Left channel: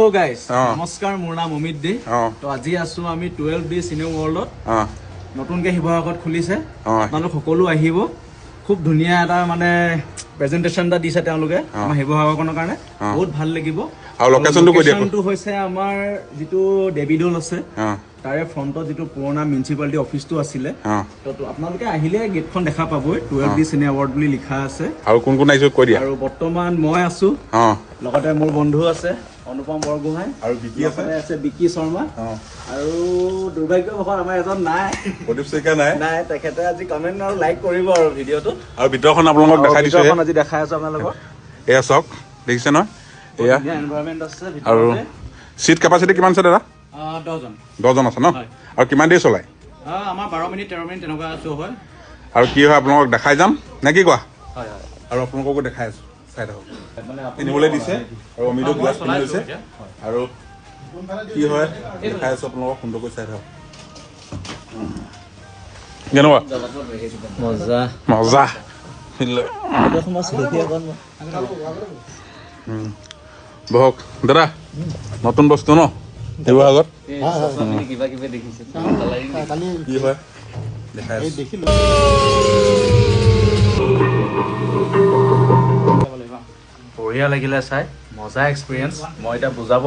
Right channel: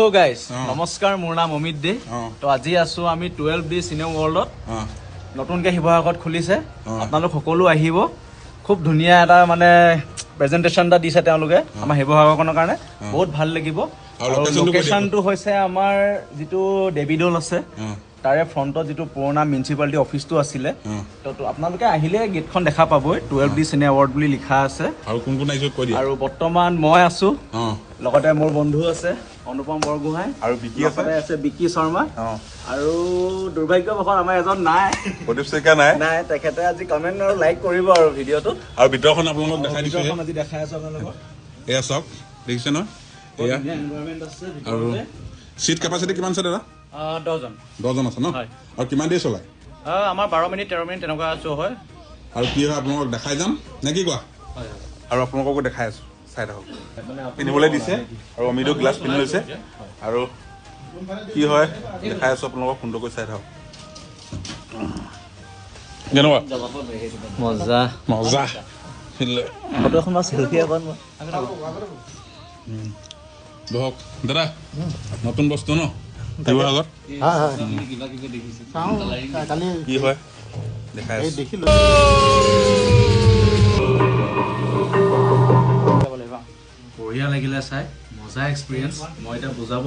Hello guys, নমস্কাৰ মোৰ নাম অমিত দে তো আজি আছো আমি 12D সিনেমা ওয়াৰ্ল্ডত নতুনকে শিৱসাগৰত খুলিছে আপোনালোক সকলো আহিব খুব ধুনিয়া এটা মানে প্ৰেজেন্টেশন এটা দিছে তেওঁলোকে আমাৰ শিৱসাগৰখনৰ কাৰণে বহুত ভাল লাগিব আৰু লোকেশনটো হৈছে আমাৰ যেটো ডেভিডল আছে তাৰে ফ্ৰন্টত যেটো পুৰণা মিউনিসিপালিটি অফিসটো আছিলে তো আপোনালোকে আহিলে গেটখন দেখা পাবই 12D সিনেমা ওয়ার্ল্ড বুলি লিখা আছে আৰু কোন কোন আইছো কৈ দিয়া আৰু বৰ্তমান মই আছো লগতে মোৰ বন্ধু আছে অনুপম বৰগোহাঁই আৰু বিকি আছে বিকি শৰ্মা আৰু দুৰ্ভাগ্যবশত আমাৰ এজন নাই প্ৰদীপ শইকীয়া নাই তেখেতে আজি কমেন্ট আৰু লাইক কৰিব আৰু ভিডিঅটো আৰু ভিতৰখন আপোনালোকক দেখাই দিছো ভিডিঅখন আজি দেখাই আছো আপোনালোকক এয়া চক দেখিছে ন এয়া এনভায়ৰনমেন্ট আছে আৰু সিট ক্যাপাসিটি কিমান আছে দাদা 10 জন আছে ন আৰু কিমান দেৰি চলাই আমাৰ 12 মিনিট 13 মিনিট তেনেকুৱা শ্ব হয় আৰু কি হয় আপোনালোকক দেখাই যাম নে কি কোৱা আৰু আপোনালোককো দেখাই আছো চাই থাকক পিন্ধিবলৈ দিছে আৰু অমিতো গ্লাছ পিন্ধি লৈছে আৰু কি হয় দেখাই আছো আপোনালোকক সুন্দৰকৈ চাই থাকক কেনেকুৱা মজা মজা বহক দাদা নতুন বস্তু ন শিৱসাগৰত কি হয় দেখাই আছো বঢ়িয়া লাগিলে চাই মজা এক্সপিৰিয়েন্স মই এটা বুজাব